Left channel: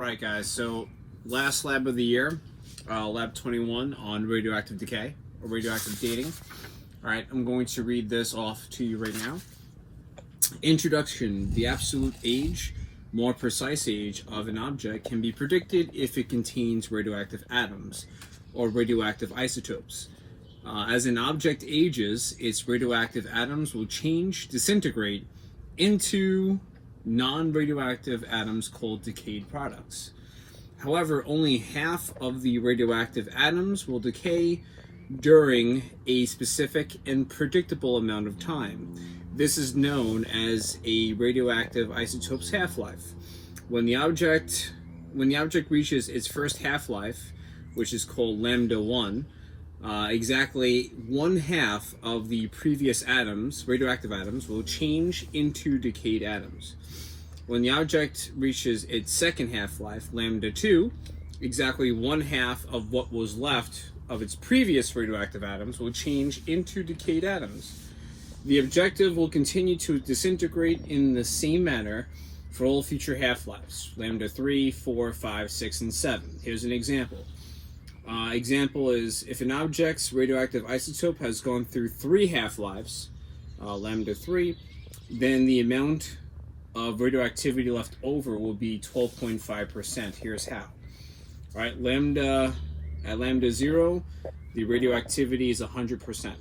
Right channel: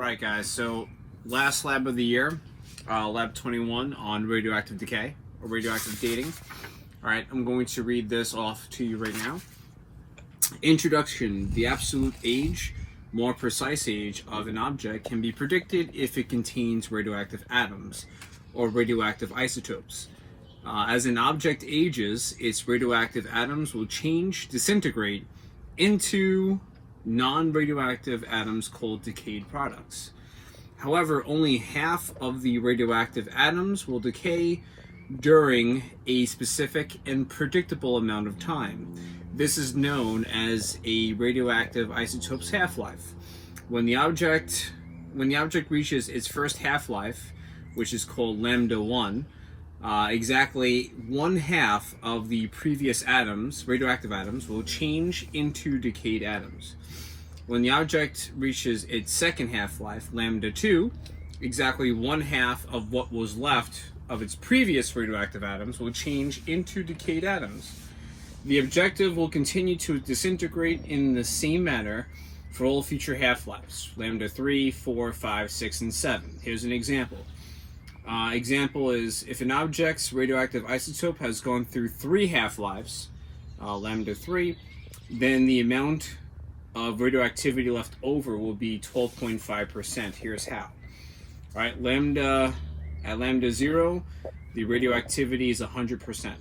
Alright guys, so last lab of the year, lab 21 on radioactive decay, or radioactive dating. Alright, I'm going to read this off to you right now. Introduction. The absolute age, more precise age, of an object can be predicted if it contains radioactive atoms, or radioactive isotopes. As an object ages, its radioactive atoms will disintegrate into non-radioactive atoms called decayed products. However, only half of the radioactive atoms will decay during a specific and predictable amount of time. This is known as a radioactive isotope's half-life. When the object reaches its first half-life, which is called lambda 1, exactly one half of the previous atoms, radioactive atoms, will change into decayed atoms. When the object reaches its second half-life, lambda 2, exactly one half of what was left of its previous radioactive atoms will change into decayed atoms. The objective will continue to disintegrate in the same manner for all future half-lives, lambda 3, 4, 5, 6, and 7. Here's an example. Example is if an object's radioactive isotope has gone through 3 half-lives, lambda 3, then the amount of radioactivity left over will be 12.5%. Here's how. Right, at lambda 0, the radioactivity is 100%.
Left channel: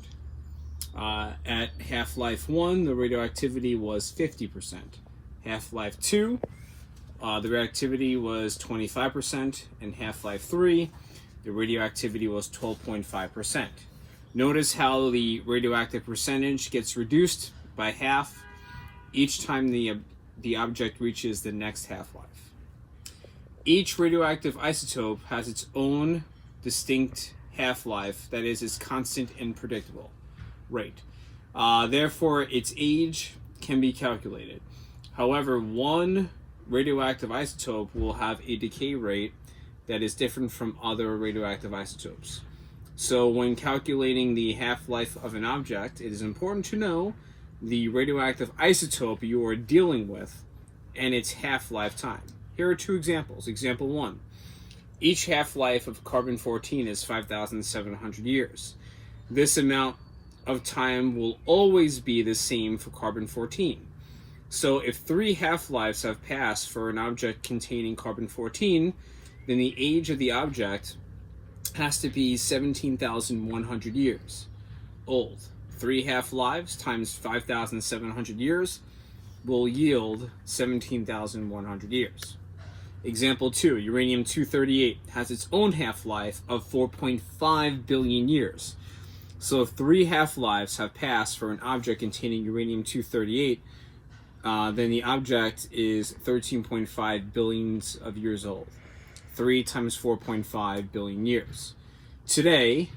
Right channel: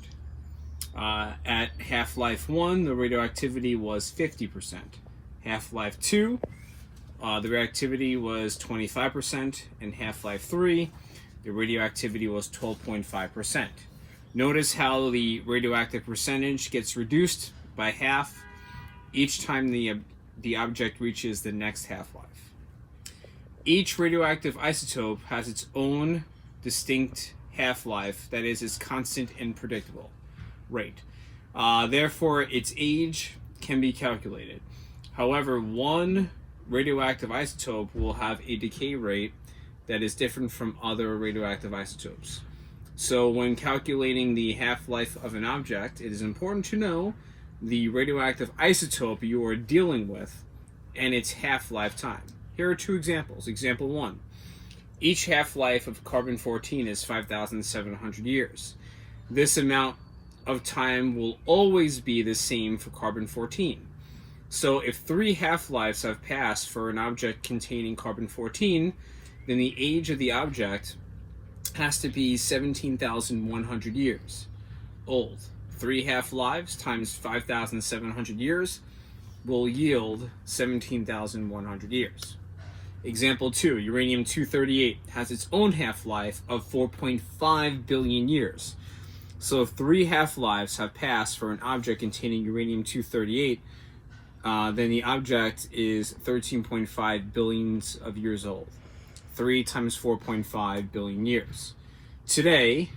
At half-life 1, the radioactivity was 50%. Half-life 2, the radioactivity was 25%, and half-life 3, the radioactivity was 12.5%. Notice how the radioactive percentage gets reduced by half each time the object reaches the next half-life. Each radioactive isotope has its own distinct half-life that is constant and predictable rate. Therefore, its age can be calculated. However, one radioactive isotope will have a decay rate that is different from other radioactive isotopes. So when calculating the half-life of an object, it is important to know the radioactive isotope you are dealing with and its half-life time. Here are 2 examples. Example 1. Each half-life of carbon-14 is 5,700 years. This amount of time will always be the same for carbon-14. So if 3 half-lives have passed for an object containing carbon-14, then the age of the object has to be 17,100 years old. 3 half-lives times 5,700 years will yield 17,100 years. Example 2, uranium-238 has its own half-life of 4.5 billion years. So if 3 half-lives have passed for an object containing uranium-238, then the object is 13.5 billions of years old. 3 times 4.5 billion years. Today,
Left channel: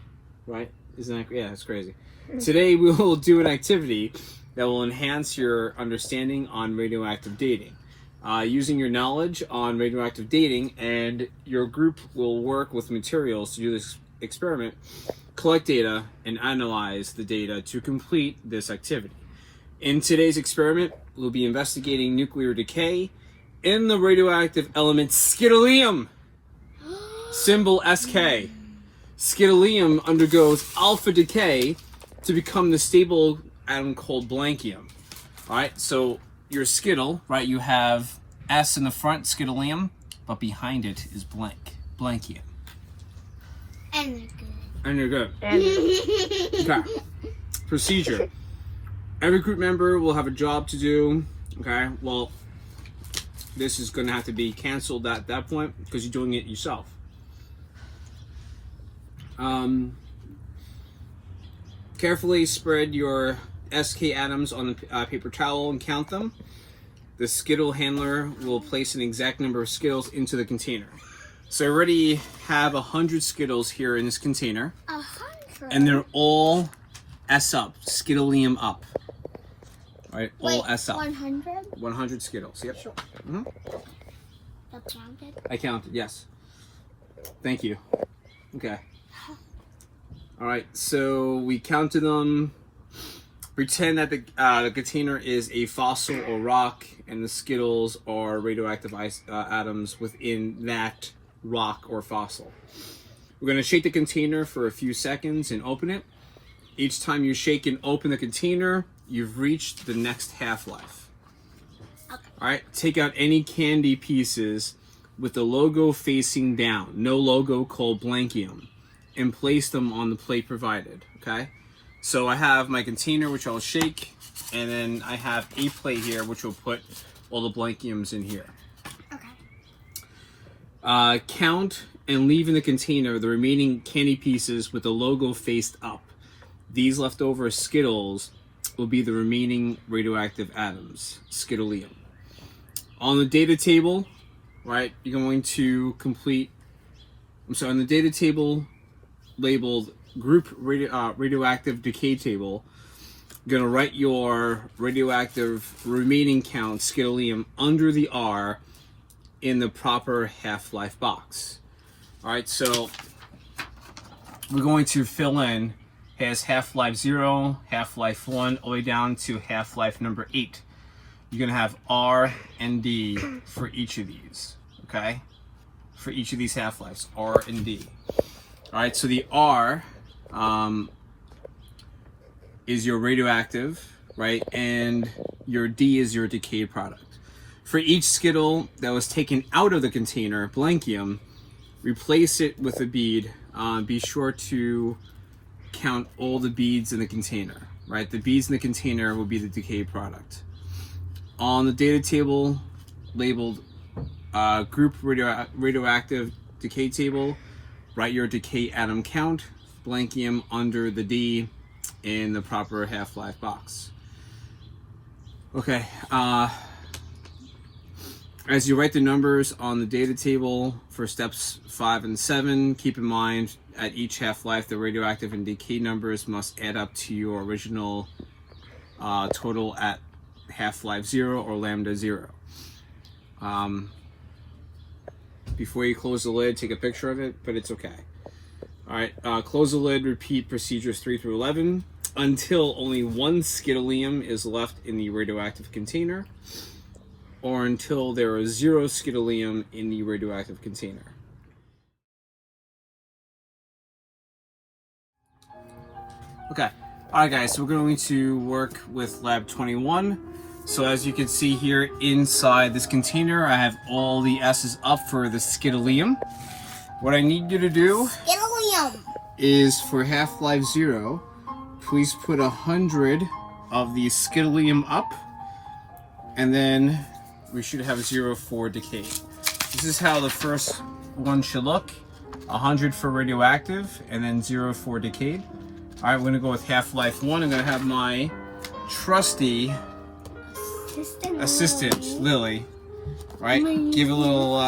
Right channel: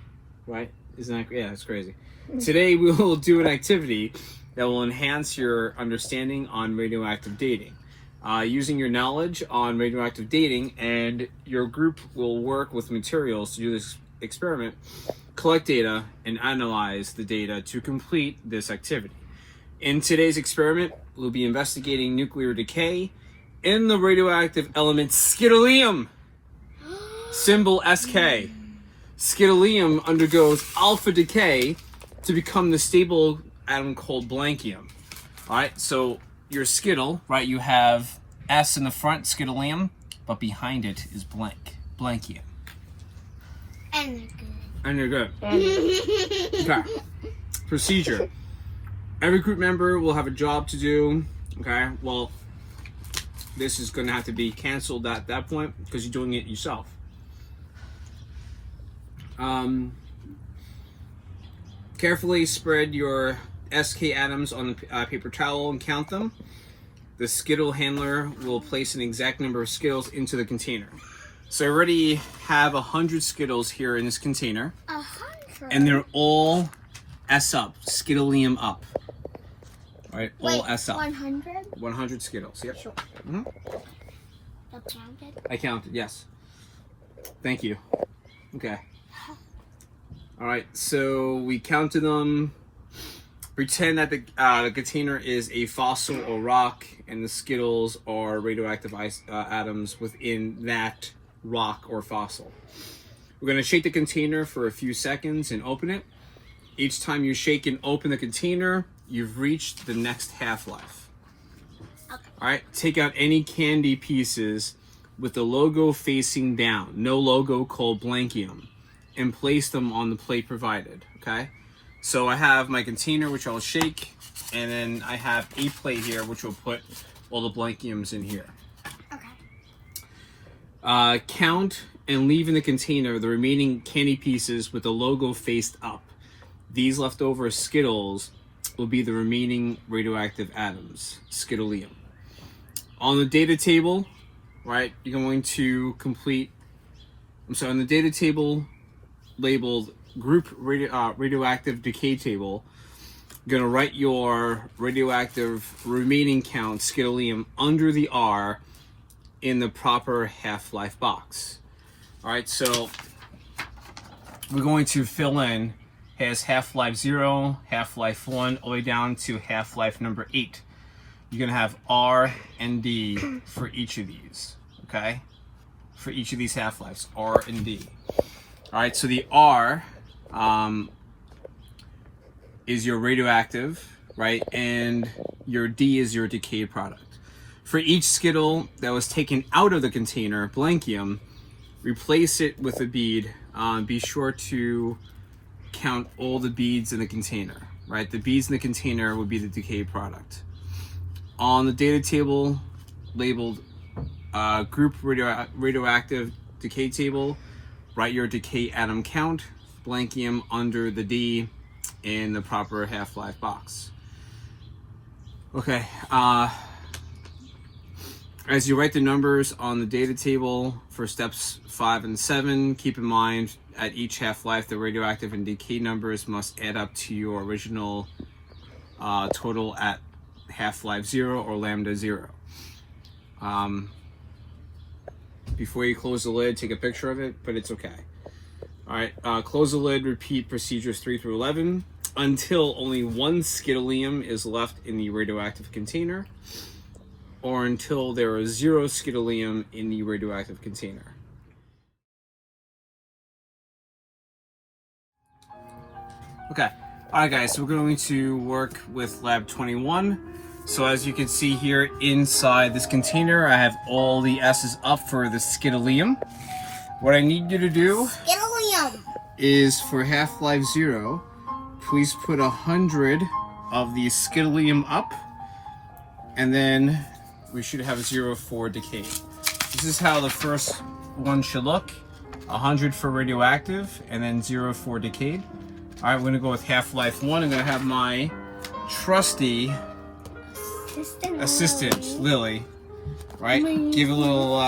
right? Isn't that, yeah, that's crazy. Today we will do an activity that will enhance your understanding on radioactive dating. Using your knowledge on radioactive dating, and your group will work with materials to do this experiment, collect data, and analyze the data to complete this activity. In today's experiment, we'll be investigating nuclear decay in the radioactive element skitterlium, symbol SK. Skitterlium undergoes alpha decay to become the stable atom called blankium. Alright, so your skittle, right, you have S in the front, skitterlium, but behind it is blankium. And they're good. Okay. Procedure. Every group member will have a job to do. Okay, well, this is going to have to be canceled at that point because you're doing it yourself. Carefully spread your SK atoms on a paper towel and count them. The skittle handler will place an exact number of skittles into the container. So I already have 100 skittles here in this container. 100? And they're all S up, skitterlium up. All right, all Wait, S up. 100? 100 skittles, yep. Sure. Mm-hmm. I counted, yes. Thank you. Okay. All right, so we counted them. Pretend that the container is a fossil or rock, and the Skittles are radioactive atoms within that rock or fossil. We're going to shake the container for a few seconds and open it. Each time you shake and open the container, you've reached the next half-life. Alright, take out any candy pieces with the logo facing down, no logo called blankium, and place them on the plate provided, okay? So I have my container, which I'll shake, and then I have a plate here, which will put all the blankiums in here. Count and leave in the container the remaining candy pieces with the logo faced up. These leftover Skittles will be the remaining radioactive atoms, Skittleium. On the data table, right, you're going to complete, on the data table labeled group radioactive decay table, you're going to write your radioactive remaining count, Skittleium, under the R in the proper half-life box. Alright, so we're going to fill in has half-life 0, half-life 1, all the way down to half-life number 8. You're going to have R and D for each of these, okay? For each of these half-lives, R and D. Alright, so the R is your radioactive, right? And your D is your decay product. For each Skittle that was taken out of the container, blankium, replace it with a bead. Be sure to count all the beads in the container, right? The beads in the container would be the decay product. On the data table labeled group radioactive decay table, write your decay atom count, blankium under the D in the proper half-life box. Okay, as you write the numbers on the data table for steps 5 and 7, keep in mind at each half-life the radioactive and decay numbers must add up to your original total at half-life 0 or lambda 0. Before you close the lid, take a picture of it, but it's okay. Alright, close the lid, repeat procedures 3 through 11 until only one Skittleium is left in the radioactive container, or until there is 0 Skittleium in the radioactive container. Okay, alright guys, so we're going to work with lab 21. So as you can see here inside this container, I have all the S's up for the Skittleium. What I need you to do is for half-life 0, please put 100 of the Skittleium up, and then we should have 0 for decay. This is how the first one should look. 100 for radioactive, and then 0 for decayed. Alright, we're going to go with half-life 1, and then I have my trusty assistant, Lily. Right? Give it a little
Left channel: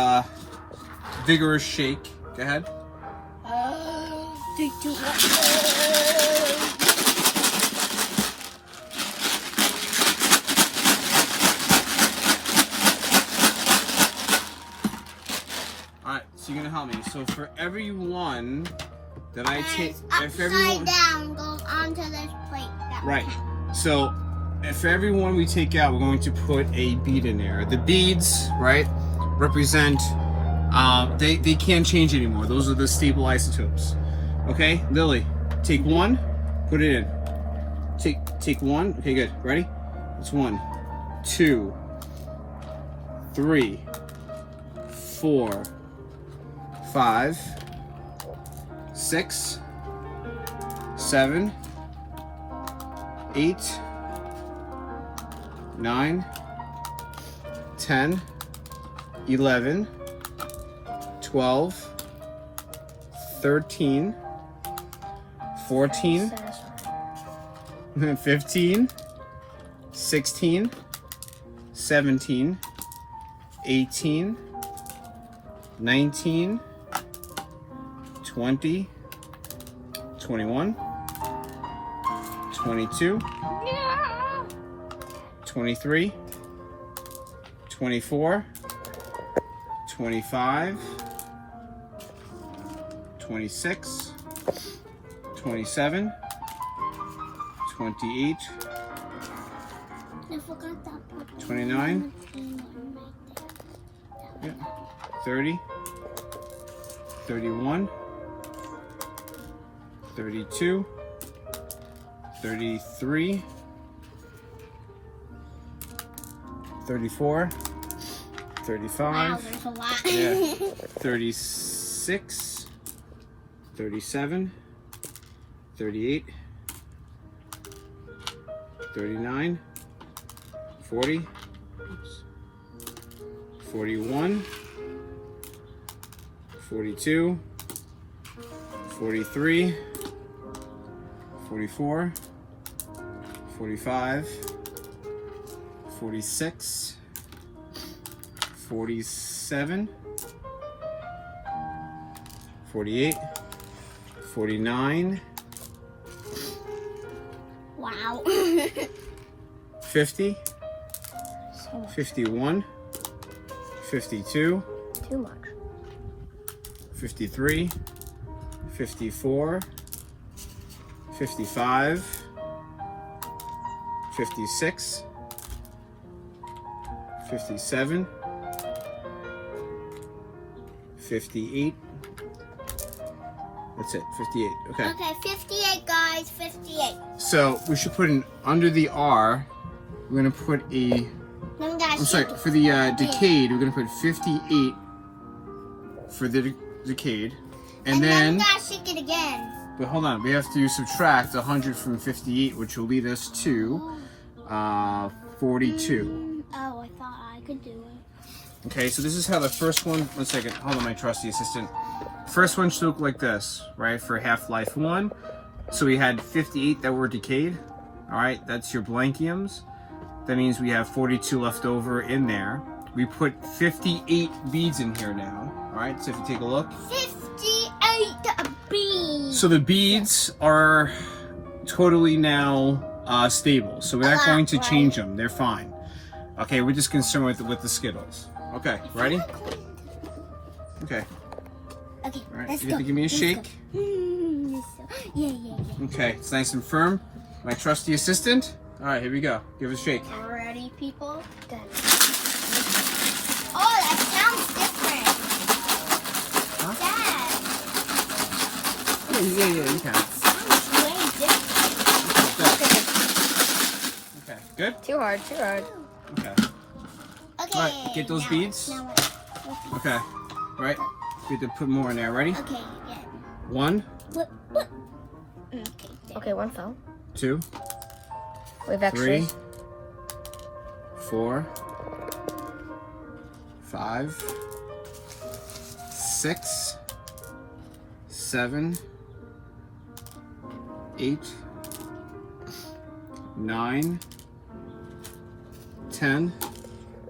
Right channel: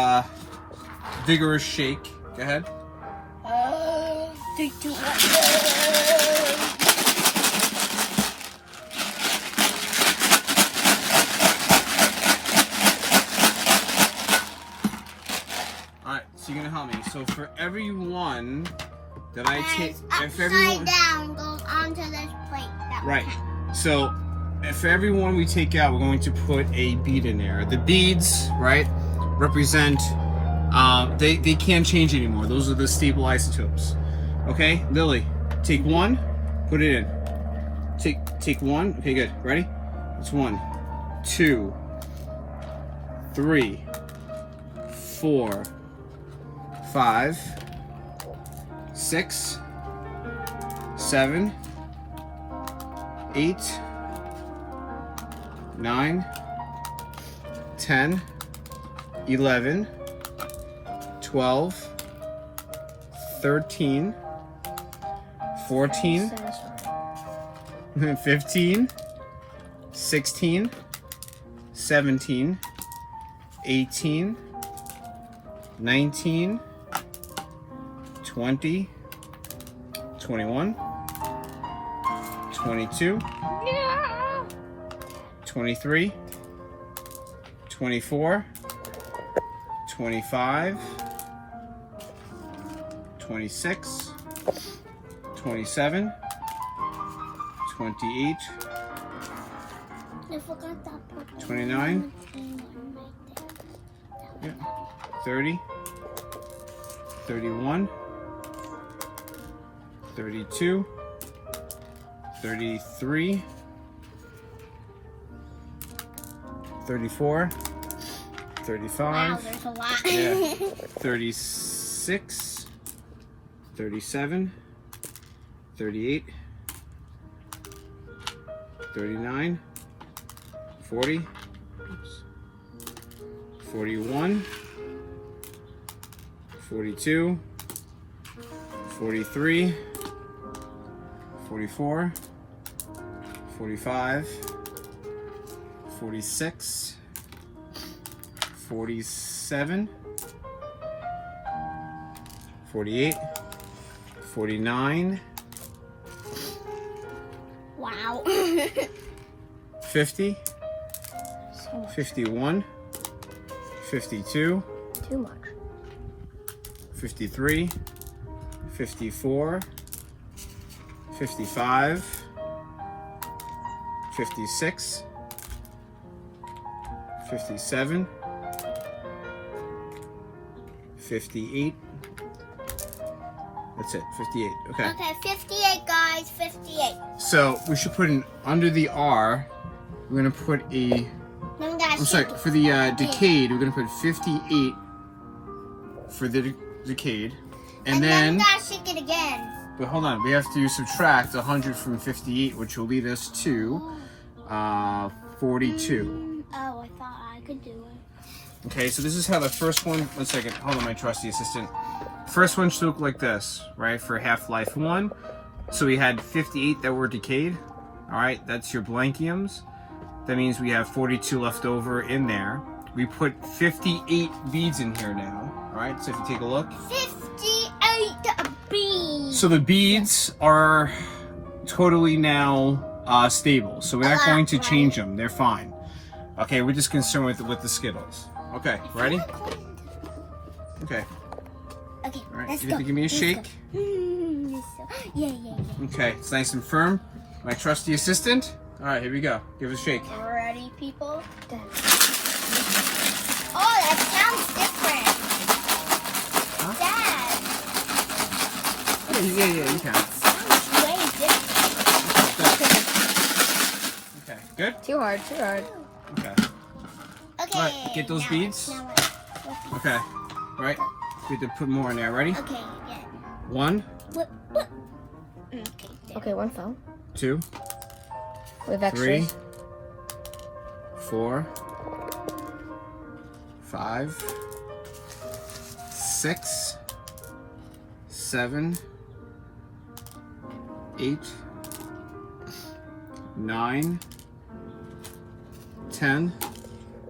vigorous shake. Go ahead. Alright, so you're gonna help me. So for every one that I take, if everyone down goes onto this plate. Right. So for every one we take out, we're going to put a bead in there. The beads, right, represent they can't change anymore. Those are the stable isotopes. Okay, Lily, take one, put it in. Take one. Okay, good. Ready? It's 1, 2, 3, 4, 5, 6, 7, 8, 9, 10, 11, 12, 13, 14, 15, 16, 17, 18, 19, 20, 21, 22, 23, 24, 25, 26, 27, 28, I forgot that part. 29. Yeah. 30. 31. 32. 33. 34. 35. Wow, there's a lot. Yeah. 36. 37. 38. 39. 40. Oops. 41. 42. 43. 44. 45. 46. 47. 48. 49. Wow. 50. 51. 52. Too much. 53. 54. 55. 56. 57. 58. That's it, 58. Okay. Okay, 58, guys. 58. So we should put in under the R. We're gonna put a. Then we gotta I'm sorry. shake For the it. decayed, we're gonna put 58 for the decayed, and then then. we gotta shake it again. But hold on, we have to subtract 100 from 58, which will lead us to 42. Oh, I thought I could do it. Okay, so this is how the first one. 1 second. Hold on, my trusty assistant. First one should look like this, right? For Half-Life 1. So we had 58 that were decayed. All right, that's your blankiums. That means we have 42 left over in there. We put 58 beads in here now. All right, so if you take a look. 58 beans. So the beads are totally now stable. So we're not going to change them. They're fine. Okay, we're just concerned with the Skittles. Okay, ready? Okay. Okay, All right, let's you go. have to give me a shake. Yeah, yeah, yeah. Okay, it's nice and firm. My trusty assistant. All right, here we go. Give it a shake. Ready, people? Oh, that sounds different. Huh? Dad, Yeah, you can. sounds way different. Okay, good? Too hard. Okay. Okay. All right, get those now- beads. now Okay, right? We have to put more in there. Ready? Okay, yeah. 1, Okay, one fell. 2, We have 3, extras. 4, 5, 6, 7, 8, 9, 10,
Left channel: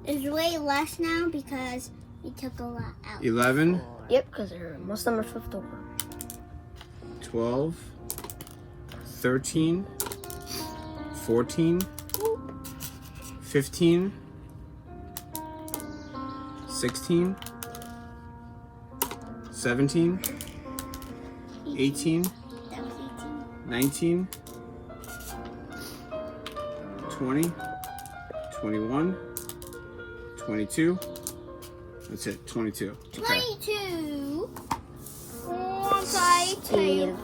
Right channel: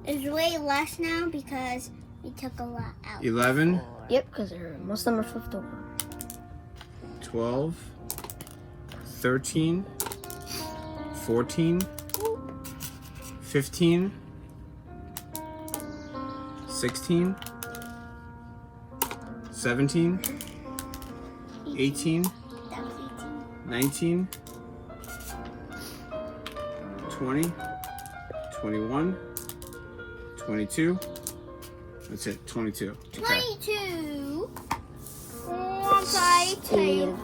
It's way less now because we took a lot out. 11, Yep, because most of them are flipped over. 12, 13, 14, 15, 16, 17, 18, That was 19, 20, 21, 22. That's it, 22. Okay. 22.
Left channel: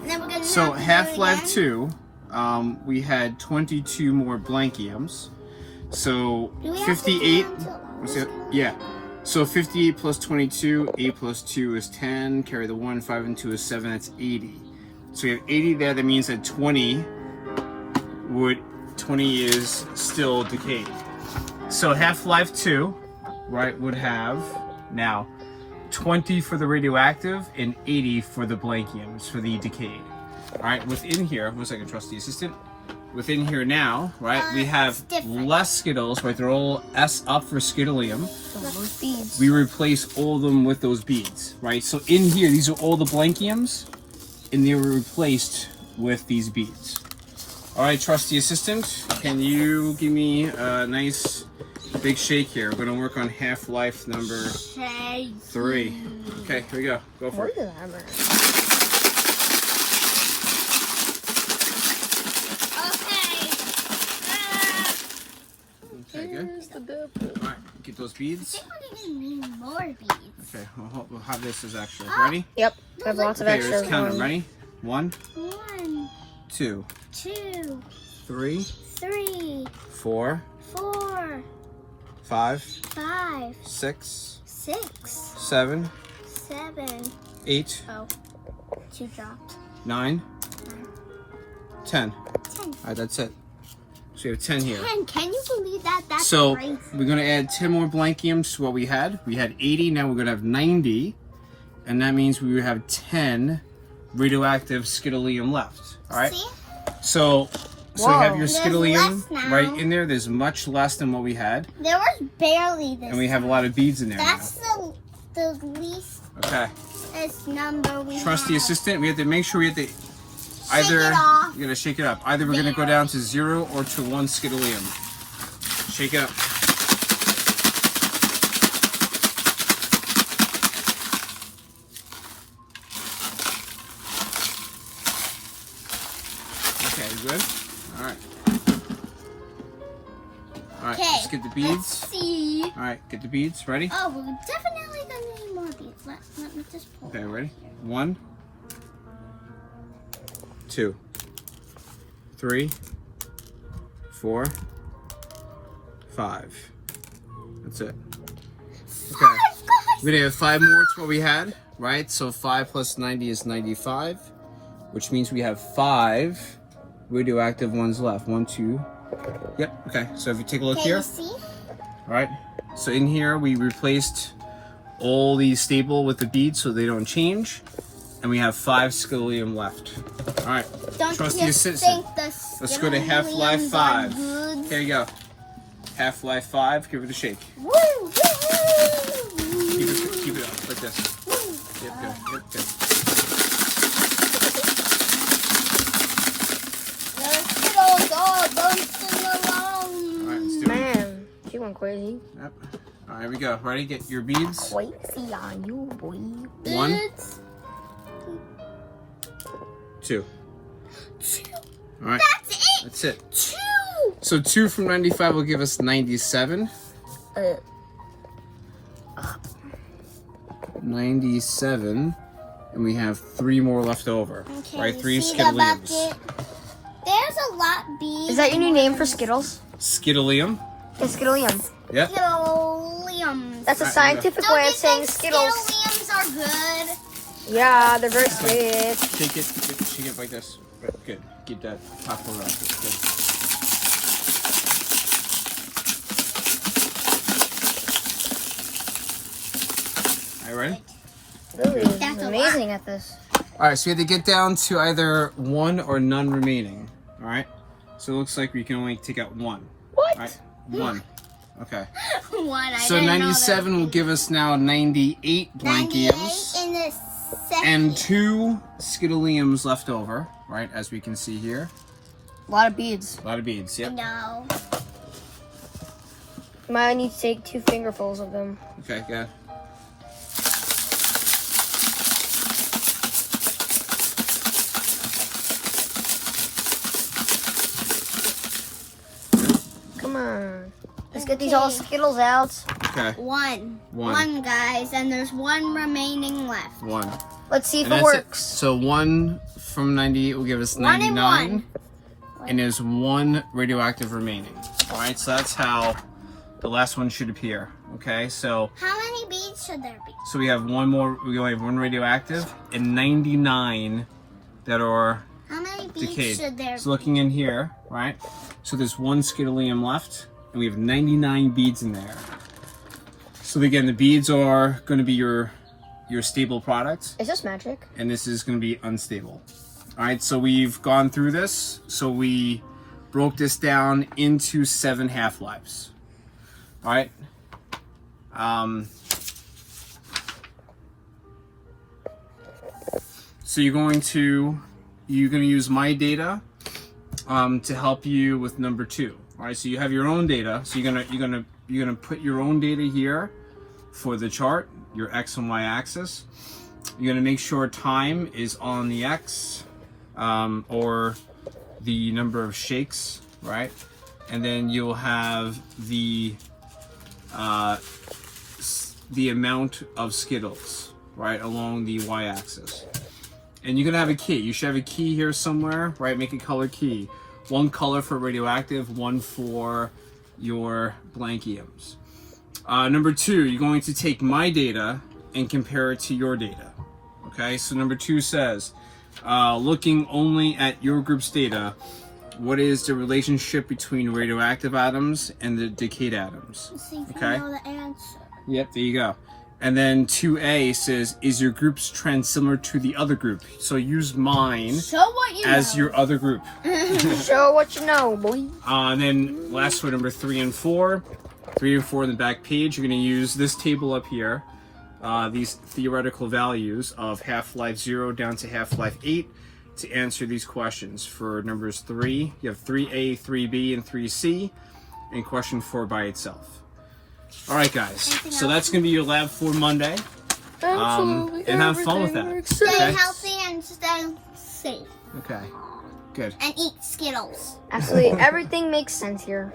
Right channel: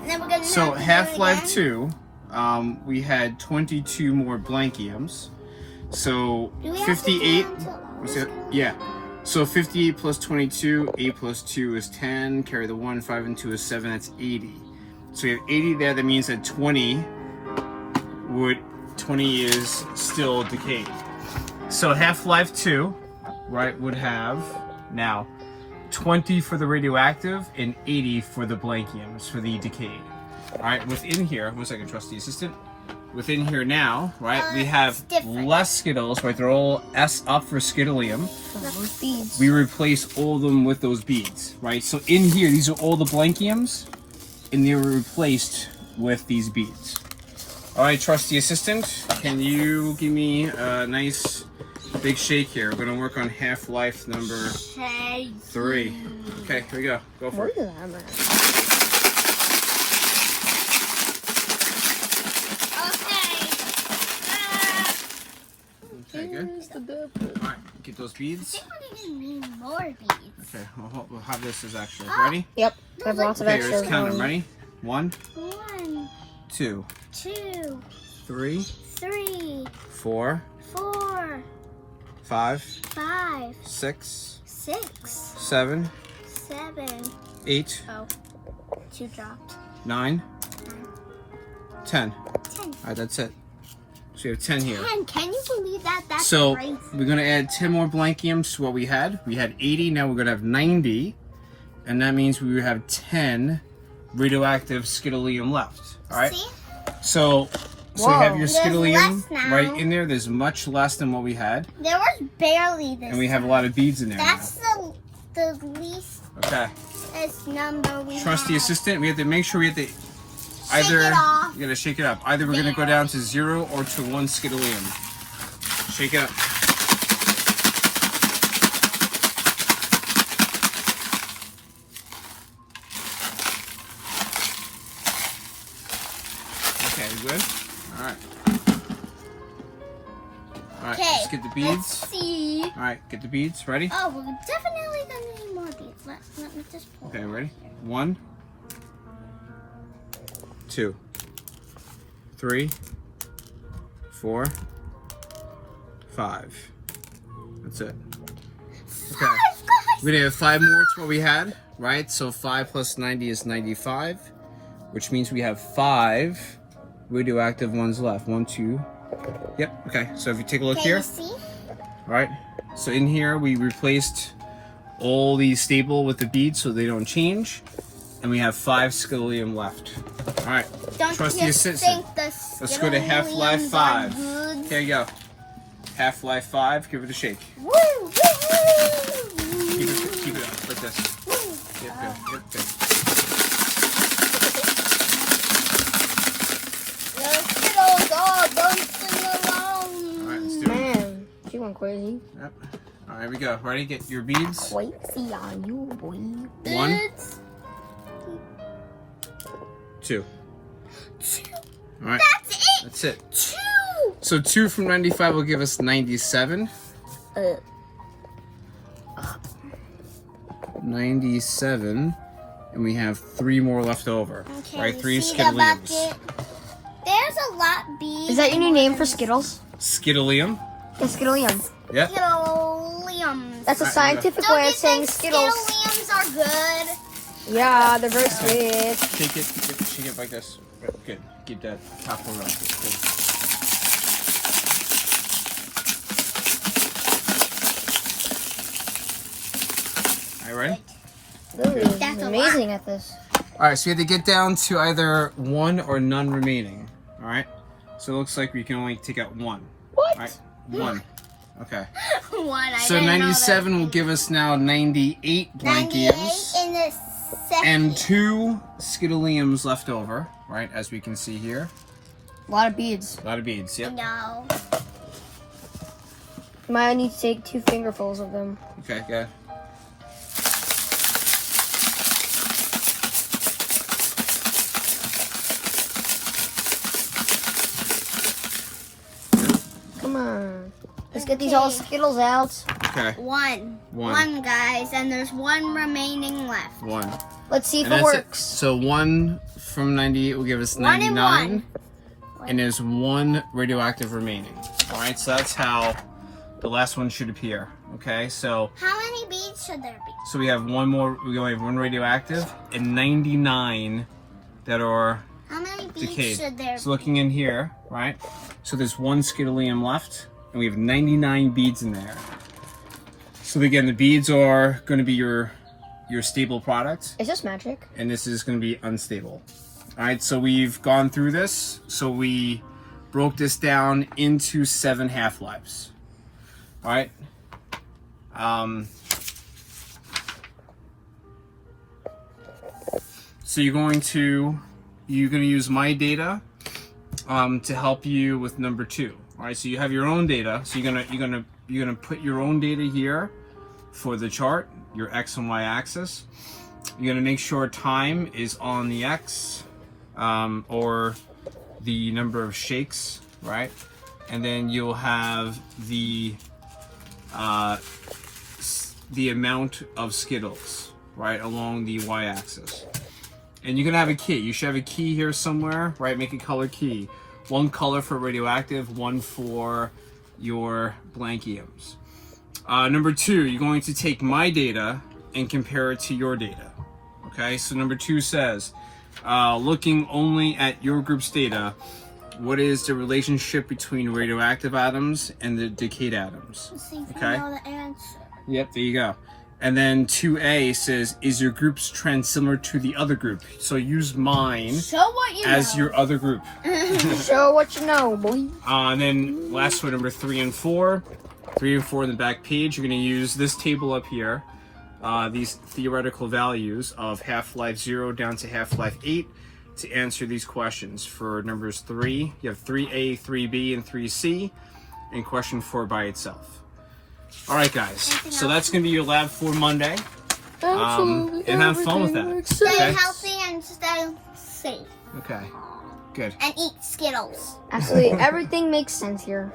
Then we're gonna So have to do it Half-Life again. 2, we had 22 more blankiums. So Do we have 58. to count? Was it- Yeah. So 58 plus 22, 8 plus 2 is 10. Carry the 1, 5 and 2 is 7. That's 80. So we have 80 there. That means that 20 is still decayed. So Half-Life 2, right, would have now 20 for the radioactive and 80 for the blankiums, for the decayed. All right, within here, 1 second, trusty assistant. Within here now, right, we have it's different. less Skittles, right? They're all S up for Skittleium. Beads. We replace all of them with those beads, right? So in here, these are all the blankiums, and they were replaced with these beads. All right, trusty assistant, can you give me a nice big shake here? We're gonna work on Half-Life number 3. Okay, here we go. Go for it. beads. I think we need more beads. Okay, we'll have this as extra. Ready? Yep. I have lots of Okay, extra. let's count them. Ready? 1, 1, 2, 2, 3, 3, 4, 4, 5, 5, 6, 6, 7, 7. 8, Oh, 2 dropped. 9, 10. 10. Alright, that's it. So we have 10 here. 10. Can you believe that? That's So crazy. we're going to add 10 more blankiums to what we had. We had 80, now we're going to have 90. And that means we would have 10 radioactive Skittleium left. Alright? See? So you have your There's Skittleium less now. right in there. There's much less than what we had. There was barely this. And we have a lot of beads in there. That's the least Okay. number we Trust the have. assistant. We have to make sure we have to either it off. you gotta shake it up. Either we're gonna go down to 0 or to 1 Skittleium. Shake it up. Okay, you good? Alright. Alright, Okay, let's get the let's beads. see. Alright, get the beads. Ready? Oh, we're definitely gonna need more beads. Let me just pull. Okay, ready? 1, 2, 3, 4, 5. That's it. Okay. We're gonna have 5 more to what we had, right? So 5 plus 90 is 95, which means we have 5 radioactive ones left. 1, 2. Yep. Okay. So if you take a look Can here, you see? all right. So in here we replaced all these stable with the beads so they don't change, and we have 5 Skittleium left. All right. Don't Trust the you assistant. think the Let's go to Half-Life Skittleiums 5. are good? Here you go. Half-Life 5. Give it a shake. Woo, woo, woo. Keep it up like this. Yep, good. Yep, good. All right, let's do it. Man, she went crazy. Yep. All right, here we go. Ready? Get your beads. Wait, see on you, boy. 1, 2. All right. That's it. That's it. 2. So 2 from 95 will give us 97. 97. And we have 3 more left over. Okay, Right? 3 see the Skittleiums. bucket? There's a lot beads. Is that your new name for Skittles? Skittleium. Skittleium. Yep. Skittleiums. That's a scientific Don't way you of saying think Skittles. Skittleiums are good? Yeah, they're very sweet. Shake it like this. Good. Keep that top one on. Cool. Are you ready? Lily That's is a amazing at this. Alright, so we have to get down to either 1 or none remaining. Alright? So it looks like we can only take out 1. What? Alright? 1. Okay. One. I So didn't know 97 will give us now 98 that. blankiums. 98 in the second. And 2 Skittleiums left over, right? As we can see here. A lot of beads. A lot of beads, yep. No. Might need to take 2 fingerfuls of them. Okay, good. Come on. Let's get these all Skittles out. Okay, One. One. One, guys, and there's 1 remaining left. 1. Let's see if And it that's it. works. So 1 from 98 will give us 1 and 99. 1. And there's 1 radioactive remaining. Alright, so that's how the last one should appear. Okay, so How many beads should there be? we have 1 more, we only have 1 radioactive and 99 that are How many beads decayed. should there So looking in here, right? So there's 1 Skittleium left, and we have 99 beads in there. So again, the beads are going to be your stable product, Is this magic? and this is going to be unstable. All right, so we've gone through this. So we broke this down into 7 half-lives. All right. So you're going to use my data to help you with number 2. All right, so you have your own data. So you're gonna put your own data here for the chart, your X and Y axis. You're gonna make sure time is on the X, or the number of shakes, right? And then you'll have the the amount of Skittles, right, along the y-axis. And you're gonna have a key. You should have a key here somewhere, right? Make a color key. One color for radioactive, one for your blankiums. Number 2, you're going to take my data and compare it to your data. Okay, so number 2 says, looking only at your group's data, what is the relationship between radioactive atoms and the decayed atoms? Okay. Yep, there you go. And then 2A says, is your group's trend similar to the other group? So use mine as your other group. Show what you know, boy. And then last one, number 3 and 4. 3 and 4 in the back page, you're going to use this table up here, these theoretical values of half-life 0 down to half-life 8 to answer these questions. For numbers 3, you have 3A, 3B, and 3C, and question 4 by itself. All right, guys. So that's going to be your lab for Monday. And have fun with that. Stay Okay? healthy and stay safe. Okay. Good. And eat Skittles. Actually, everything makes sense here.